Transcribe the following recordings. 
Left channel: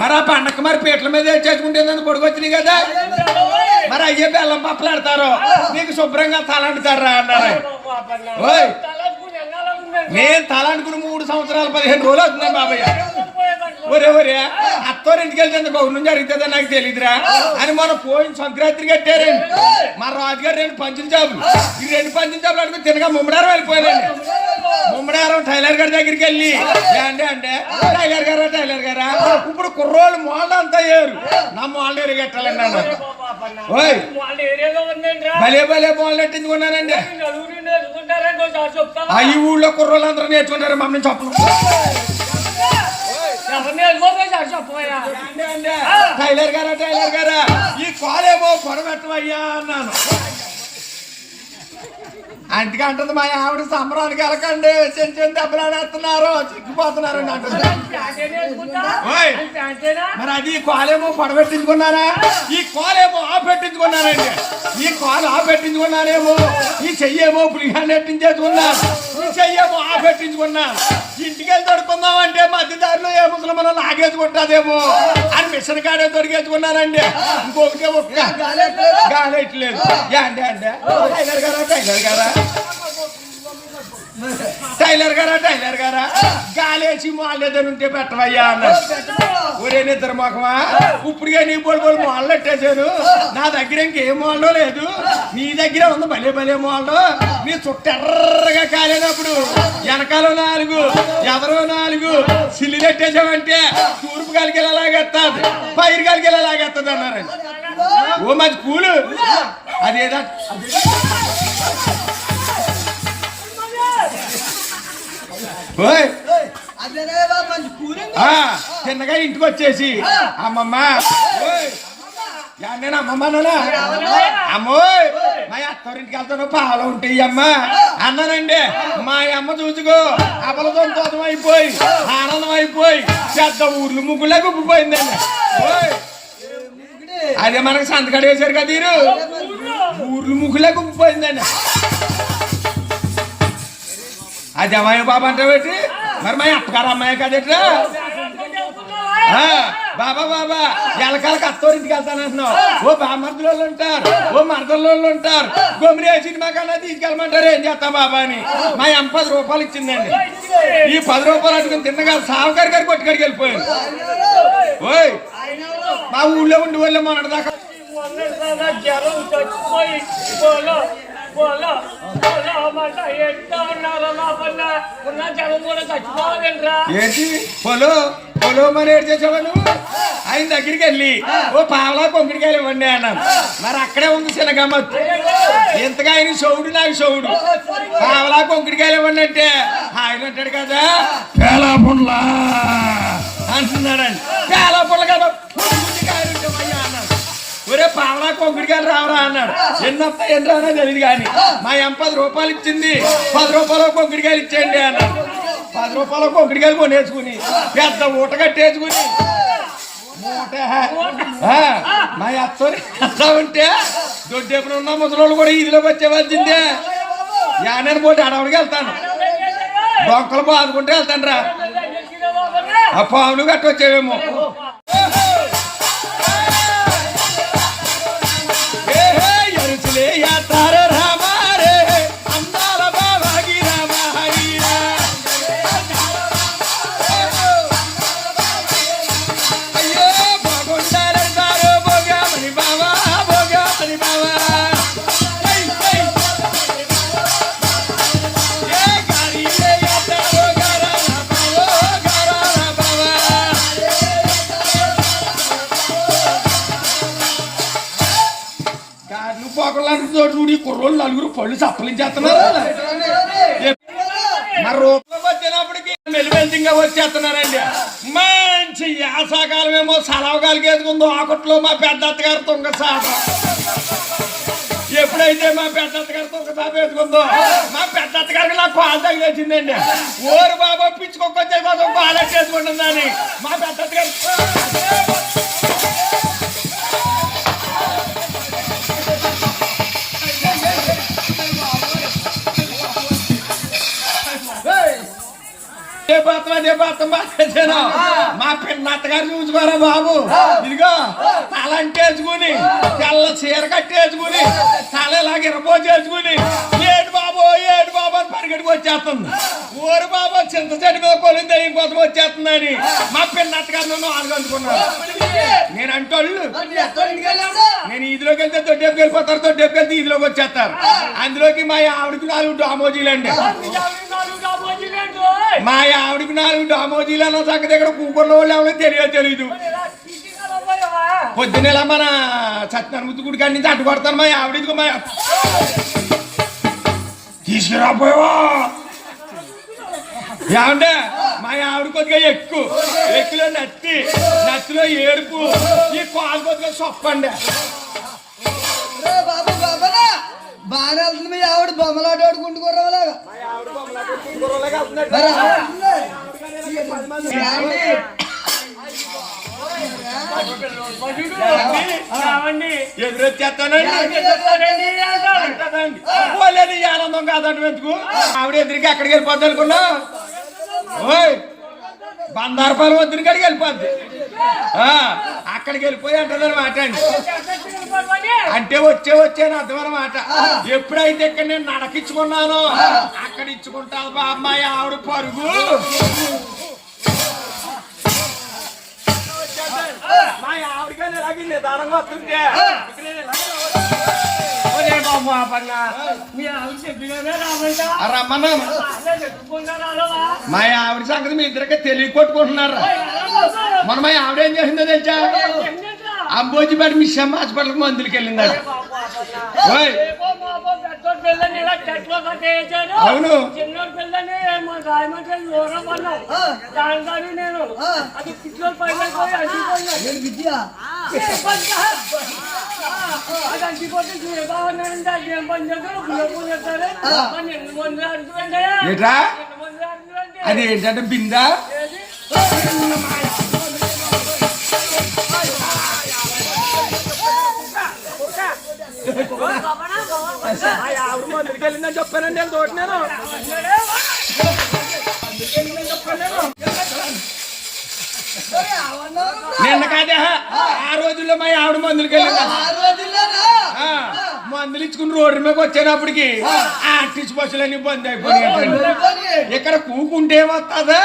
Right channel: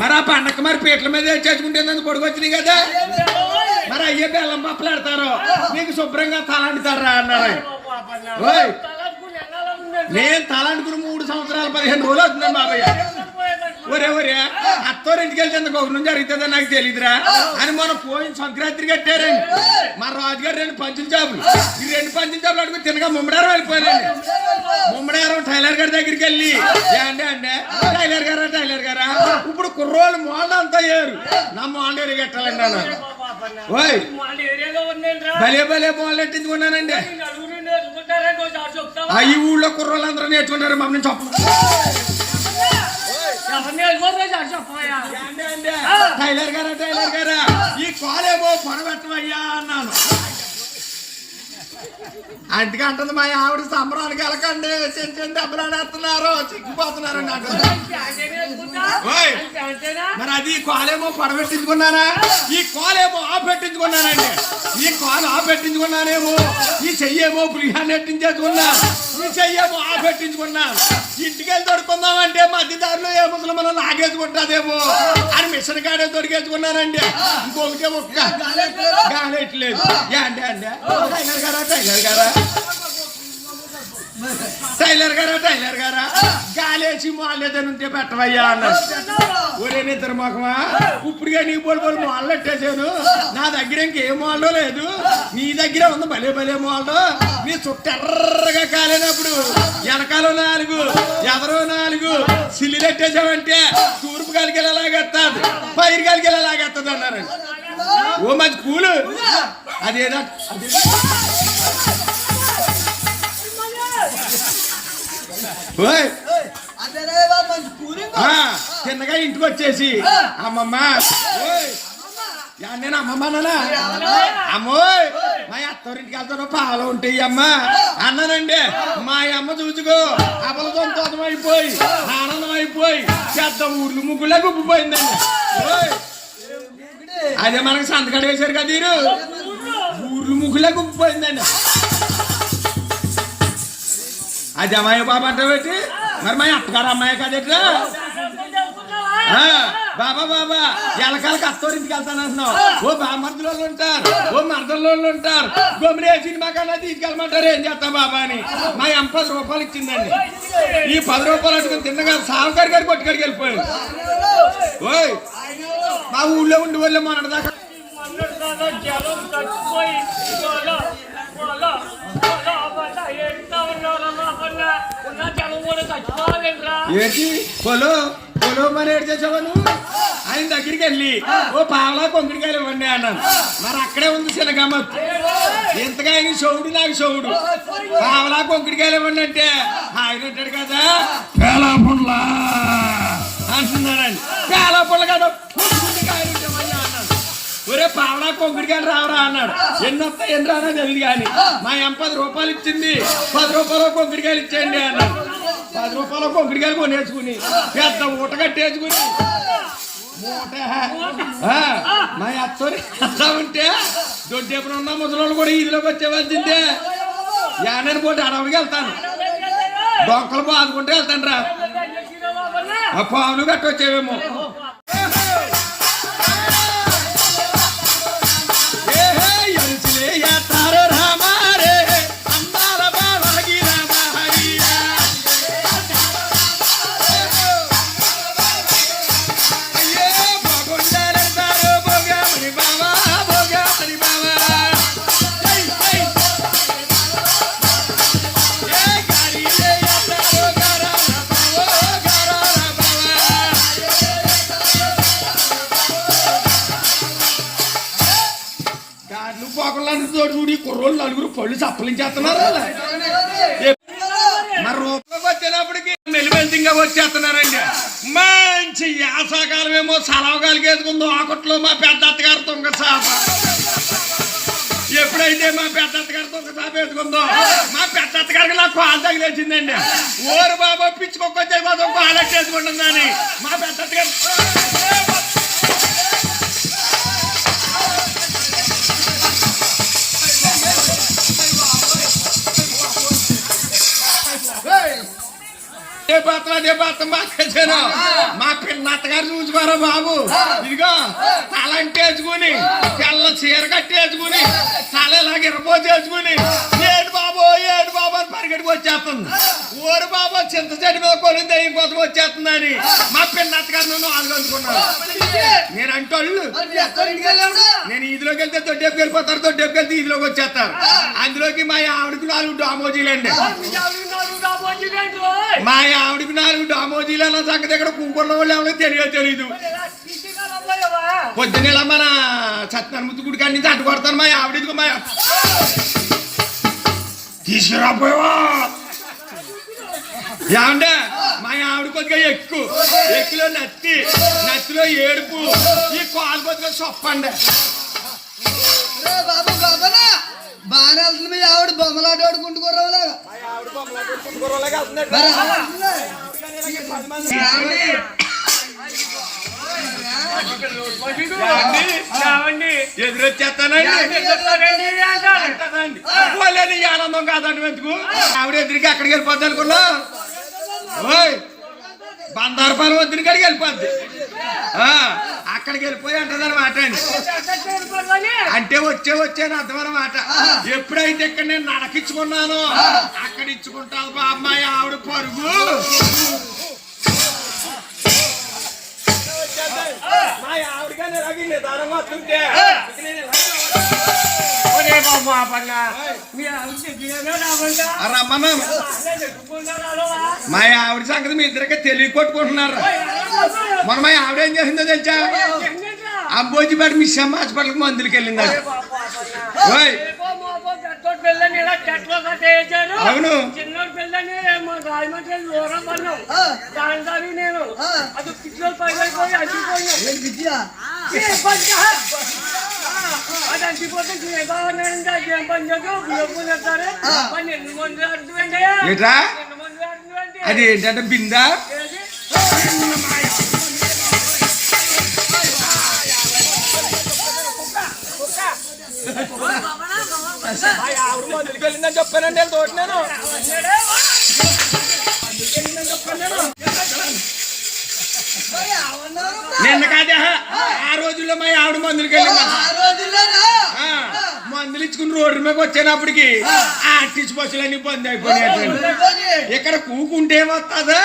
మరి ఆ పండగ మరి పీటల మీద చేసుకుంటే పొడుగు వచ్చినాయి కదా. మరి అయ్యే బెల్లం పప్పలాడతారు. నీకు శుభ్రంగా తలండుతారా అన్నారు. ఓయ్ నేను తలాంటుకుని మూడు సంవత్సరాలు పదిహేను రోజులు అవుతున్నాను బాబాయ్. ఒరే ఒరే అత్తోరింటికి వెళ్తే గౌరవం జరుగుతుందో నాకు తెలియదురా అని మన పోయిన సంక్రాంతి కట్టారండి. మా రాజుగారు రెండు పంచిన జాబులు ఈ రెండు పంచిన జాబులు అడుగు తినగా ముమ్మడారు వెళ్ళిపోయారండి. ముమ్మడారం టైలర్ గారి దగ్గరికి వెళ్ళి. ఏండి అంటే టైలర్ గారా టైలర్ గారా? ఇప్పుడు కుర్రోళ్ళు మోళ్ళ అంతా ఏరు. నా మోళ్ళ ఎరగట్టాలండి అన్నారు ఓయ్ భలే భలే మోళ్ళు ఎట్టించుకున్నానండి ఆ ఈ ఊళ్ళో కుర్రోళ్ళు అందరూ నేర్చుకుంటారు మమ్మల్ని చెప్పు అంటే, టైలర్ గారా టైలర్ గారా? ఈ కాలేమో పొడబెట్టవయ్యా అన్నాను. అందుకే అంటుంది మా ఆవిడ సంబరానికి వెళ్ళకండి. చిన్న చిన్న దెబ్బలాడేస్తున్నారు చిక్కిపోతున్నారు అంటుంది. మరి అది ఈ కాలేమో పడబెట్టించుకున్నానా ఈ కాలేమో ఆ పెట్టించుకున్నానండి ఈ కాలు ఆ పెట్టించుకున్నానేమో ఈ చెయ్యేమో పులిగా నెట్టించేసుకున్నా ఈ చెయ్యేమో ఆ పెట్టించుకున్నా ఇంటికి వెళ్ళి మధ్య దారిలో ఏ ముసలి మనం లాగేసుకుంటాదేమో అని మిషన్ కాడే దొరికేసుకున్నానండి ఇంకొకటే ఒక్క గాలెట్లేదు. అంటే టైలర్ గారా టైలర్ గారా? టైలర్ గారా టైలర్ గారా? గాలేసి మాలేదని ఉంటే పెట్టవయ్యా అన్నారు ఒరే నిద్ర మొఖమా? ఇప్పుడుగా నీ బోల్ బోల్ పెట్టేశారు నా దగ్గర ఇంకేం మాలో లేదు. నీ దగ్గర ఉంది భలే భలే మాలు నీ చుట్టెర్రగా కాలేనప్పుడు వెనకాల నాలుగు ఎదరో నాలుగు పెట్టేసావంటే తూర్పు కలిగి ఎలాగెత్తాది పైరు కలిగి ఎలాగెత్తది అన్నారండి. ఓ మంచి పూలు అదేదా? ఓయ్. చిన్నగా ఇంటికి వచ్చేసి. అమ్మమ్మ. ఓయ్, యా, నేను? అమ్మోయ్! మా అత్తోరింటికి వెళ్తాను పాలు ఉంటాయి అమ్మ. అన్నానండి మా అమ్మ చూసుకో అబల సంతోషం అయిపోయి ఆనందం అయిపోయి పెద్ద ఊర్లు ముగ్గులే గుప్పిపోయిందండి అదే మనకు సంతకాడు వేశారు కదా మీరు ఊర్లు ముగ్గులే గుప్పిపోయిందండి అది అమ్మాయి బాబా అంటావేటి? మరి మా అత్తగారు అమ్మాయి కదట్రా బాబా బాబా ఎలకాలకి అత్తోరింటికి వెళ్తానంటున్నావు ఓ బామర్దుల ఉంటారు ఓ మరదల ఉంటారు. గొమిరే సినిమా కన్నా తీసుకెళ్ళమంటారు. ఏం చేస్తాం బాబా అని? మా అమ్మ పది రూపాయలు ఇచ్చిందండి. ఈ పది రూపాయలు అట్టుకుని తిన్నగా సావుకారి గారి కొట్టుకాడికి వెళ్ళిపోయారు. ఓయ్ మా ఊళ్ళో ఉండి వాళ్ళే మొన్నటి దాకా ఏంటి పొలో. పొలో మరి ఏడు చేసావా నువ్వు ఆయన దగ్గరికి వెళ్ళి ఓ పావలా కొంకుడికాయలు ఇవ్వండి అన్నాను. మరి అక్కడే ఉంది చిన్నగమ్మత్ ఇంతగా ఆయన షౌడు నాకు షౌడు పావలా కొంకుడికాయలు ఇవ్వండి అంటే ఆయన అంటాడు కదా పేలా పుండ్లా అంటున్నాడండి పేలా పుండ్ల కదా ఒరే పావలా కొంకుడికాయలు రావరా అన్నాడు. ఎన్ని వస్తాయి ఎన్ని రానా తెలియదు కానీ మా అమ్మ పది రూపాయలు ఇచ్చింది. పది రూపాయలు కొంకుడికాయలు ఇచ్చేయండి అన్నాడు. పది రూపాయలు కొంకుడికాయలు కొనేసుకుని పెద్ద ఊట కట్టేసుకుని. మా అత్తని ఉంటే దొడ్డి ఎప్పుడు ఉన్న ముసలోళ్ళు కూడా ఈదిలోకి వచ్చేవలసిందే. యానని పోటీ అడవుడికి వెళ్తాను. డొక్కలు బాదుకుంటే వెళ్తాను రా ఆ పావులు కట్టొచ్చేవేమో. కుర్రోళ్ళు నలుగురు పళ్ళు చప్పలించేస్తున్నారు మరి రూపంలోకి వచ్చినప్పటికి మెలివెల్తిగా వచ్చేస్తున్నారండి. మంచి యాసాకాలం ఏమో సలవగాలికి వేసుకుందో ఆకట్లో మా పెద్ద అత్తగారు తుంగ సాప ఎప్పుడైతే మా పెద్ద అత్తగారు తుంగ సాప వేసుకుందో మా పెద్ద అత్తగారికి నాకు కాలు తగిలేసిందండి. ఓరు బాబా పిచ్చుకొక్కొచ్చే కోసం కాలెట్టేసుకుంటుందని మా పెద్ద అత్తగారు ఏ పాత్ర అదే పాత్ర మార్చేసాను మా పిన్నత్తగారు చూసుకోరా బాబు. ఇదిగో తల అంటేసుకుని తెల్ల చీర కట్టేసుకుని తల ఇలాగ ఇరపోసేసుకుని ఏడు బాబు ఏడు బాబు అని పరిగెట్టుకు వచ్చేస్తుంది. ఊరు బాబు చింత చెట్టు మీద కొలింది దయ్యం కోసం వచ్చేస్తుందని మా పిన్నత్తగారు నన్ను ఆనుకుంటున్నాను నేను అంటోళ్ళు నేను ఇదిలోకి వెళ్తే దొడ్డేపు వెళ్ళిపోతారు దొడ్డేపు వెళ్తే ఇదిలోకి వచ్చేస్తారు. అందులోకి మా ఆవిడకి నాలుగు డామోజీలు అండి మా ఆవిడకి నాలుగు డామోజీలు అన్న సంగతి ఇక్కడ కూకున్న వాళ్ళు ఎవరో తెలియదు తెలీదు. పొద్దున మన సత్యనారాయణ ముద్దు గుడి కాడి నుంచి అడ్డు కొడతాను మా ఆవిడకి మా తీసుకురాపోయావా? ఏమంటే మా ఆవిడ కొద్దిగా ఎక్కువ ఎక్కులో నత్తి నత్తిలో ఏడుపు. ఈ కాలు కొద్దిగా సొప్పండి. బాబు బాబనా బాగా వెళ్తుంది. మీ ఆవిడ బొమ్మలాట ఆడుకుంటూ ఎదురొచ్చేస్తానండి. ఆనందం కాదండి ఎందుకు? ఆవిడ ఎదురుకి ఎక్కడికి వెళ్ళిపోద్ది అనుకున్నా ఓయ్ బందారపాలెం వద్దని కాడికి వెళ్ళిపోద్ది. అక్కడికి వెళ్ళిపోయి అంటది అనమాట అండి అంటే వచ్చే వచ్చేది అర్థం అనమాట ఎప్పుడైతే ఇక్కడ నేను నడకించుకున్నానో అక్కడ ఇచ్చుకుంటావు బా అమ్మాయి ఆవిడ పరుగు. మా ఆవిడగానే నిదానంగా వస్తుంటే. మా ఆవిడ సంగతి మీ ఇద్దరికి తెలియ కొట్టుకుంటున్నారు మన మా ఆవిడ ఏం చేసిందో తెలుసా? అంబోజిపేట మీ అమ్మ హాస్పిటల్కి మందులకి వెళ్ళింది? అవును చిన్నోడి పిల్లని రాయమంటే దూరం పడినాం దాని దాని నేను అది పిచ్చోడు పైపోయి అది ఏదో అది ఏం పని చేద్దాం చేస్తారు మంది అది ఏంటంటే బిందా? మందులకి వెళ్ళిందని చెప్పానండి నేను తోటినాను నిన్న కాదే ఆ రోజుల్లో మా ఆవిడ మందులకి వెళ్ళింది ఆ రోజుల్లోనా ఆ, మందులు ఇచ్చుకుని రోడ్డు మీద వచ్చేటప్పటికి ఆర్టిస్ట్ బస్సులన్నీ బంద్ అయిపోయాయి ఇక్కడ కూకుంటే వస్తుందా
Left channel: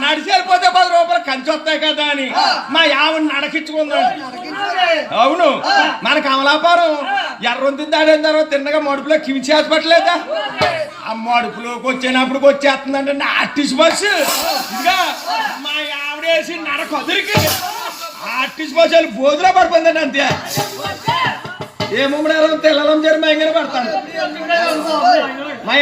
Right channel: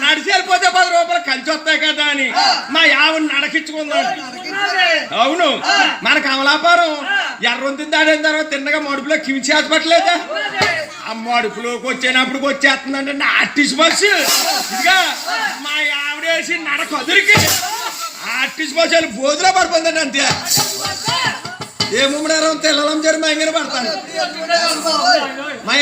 నడిచి వెళ్ళిపోతే పది రూపాయలు కంచి వస్తాయి కదా అని. మా ఆవిడ నడకించుకుందాం. అవును. మన కమలాపురం. ఎర్రొంతి దాడిన తర్వాత తిన్నగా మడుపులో కిమిచి హాస్పిటల్ ఆ. మడుపులోకి వచ్చేటప్పుడు వచ్చేస్తుందంటే ఆర్టిస్ట్ బస్సు. ఇదిగా మా ఆవిడ వేసి నడక వదిలికి ఆర్టిస్ట్ బస్సు వెళ్ళి బోధులో పడిపోయిందండి అంతే. ఏమో తెల్లం జరి మైంగన పడతాను. మా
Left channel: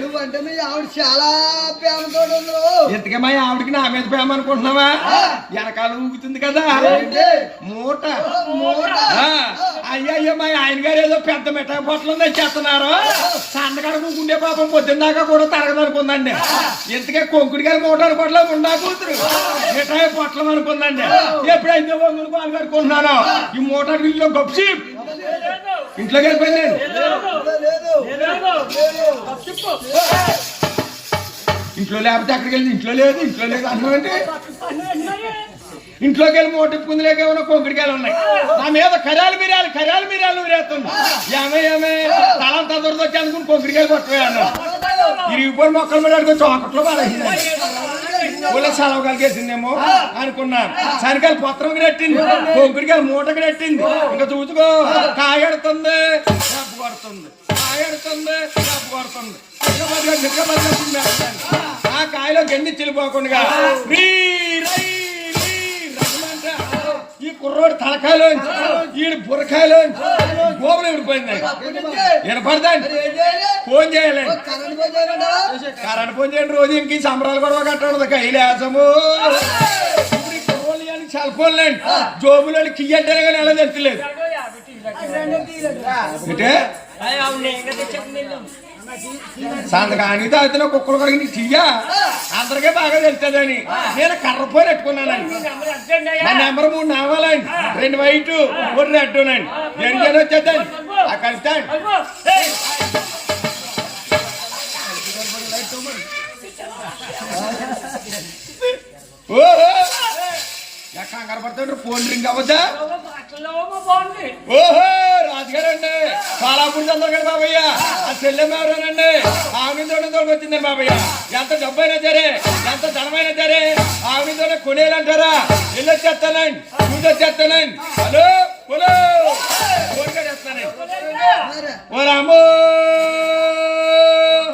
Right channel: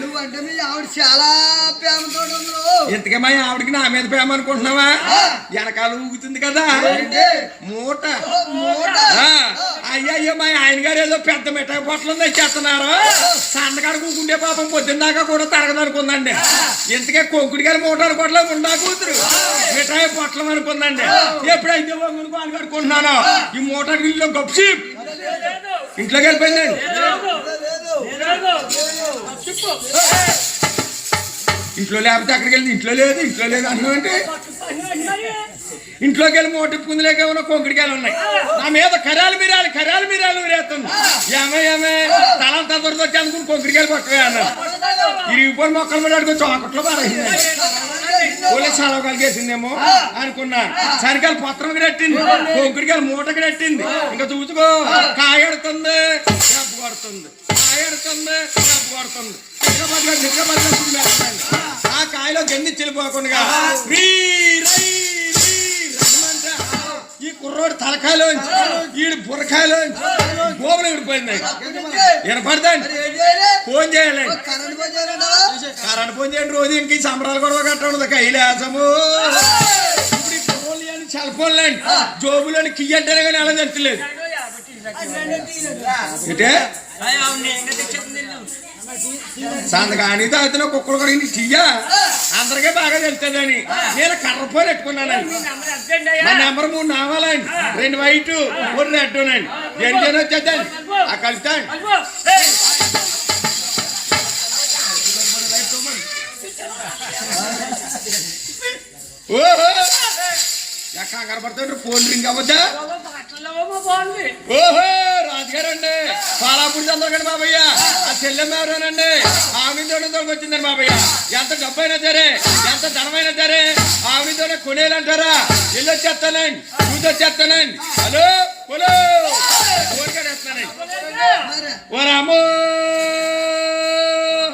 నువ్వంటే మీ ఆవిడ చాలా ప్రేమతో ఆవిడకి నా మీద ప్రేమ అనుకుంటున్నావా? వెనకాల ఊగుతుంది కదా? మూట. మూట. అయ్యా మా ఆయన గారు ఏదో పెద్ద మిఠాయి పొట్లం తెచ్చేస్తున్నారు సన్నగాడు కూకుండే పాపం పొద్దున్నాక కూడా తరగదనుకుందండి ఇంతకే కొంకుడి గారి మూట అనుకోవట్లే? ఉండా కూతురు. మిఠాయి పొట్లం అనుకుందండి. ఎప్పుడైతే కడుకుంటున్నాను ఈ మూట ఇల్లు గొప్పసి ఇంట్లోకి వెళ్ళిపోయిందండి ఇంట్లో లేకపోతే అక్కడికి వెళ్ళి ఇంట్లో లేదు ఇంట్లో లేదు అనుకోండి ఇంట్లోకి వెళ్ళి మోటిప్పుకుందిలేక ఉన్న కొంకుడికాయలు ఉన్నాయి. నా మీద కరాలు మీరాలి కరాలు మీరాలు ఊరేస్తుంది ఏమే ఏమే తలంతా దొరకొచ్చి అనుకుని కొంకుడికాయలు కొట్టేయాలి. ఇరిగిపోయి మొక్కలు మీద అడుగు చోకట్లో బాగా ఊళ్ళో సెలవు కలిగేసిందేమో అనుకున్నా శనకాయలు పొత్రం కట్టింది కొంకుడికాయలు మూట కట్టింది ఇంకా చూసుకో కాయడుతుంది డబ్బు కొడుతుంది కాయడుతుంది డబ్బు కొడుతుంది చిక్కబడిగా చిక్కబడిగా తినేస్తాను. ఆ కాయలో గండి చెల్లిపోకుండా. కుర్రోడు తలకాయలోంచి ఈడు బుర్రకాయలోంచి గోపులు విడిపోయింది వినపడదండి. ఏం చేయాలి? ఫోన్ చేయాలి. కరెంట్ ఫోన్ చేయండి రోజు ఇంక సంబరాలు కూడా కట్టడం కైలాసము సెల్ ఫోన్లు అండి జోబులని కియ్యంటేనే కానీ ఎలా తెచ్చలేదు అంటే సంతకాని తాగుతున్న కుక్కలు కూడా నీ అందరికీ బాగా తెలుస్తుందని నేను కర్ర పెట్టుకున్నానండి మా నెంబర్ మూడు నావాలండి రెండు వైట్ మూడు రెడ్ రెండు జనం వచ్చేద్దండి ఆ కలుస్తాను ఎక్కడ పడుతుంటారు ఫోన్ రింగ్ అవ్వద్దా? ఓహో రాజుగారు అండి పాలాపూర్ చంద్రగడ బాబయ్య? ఆ. చెల్లెమ్మ ఎవరేనండి? ఆవిడతో వచ్చిందండి బాబయ్య. ఎంత డబ్బు అయినా సరే ఎంత ధనమైనా సరే ఆవిడతోనే కొనేయాలంటారా? ఇల్లు వచ్చేస్తానండి చూసి వచ్చేస్తానండి. Hello hello. ఓ రామో.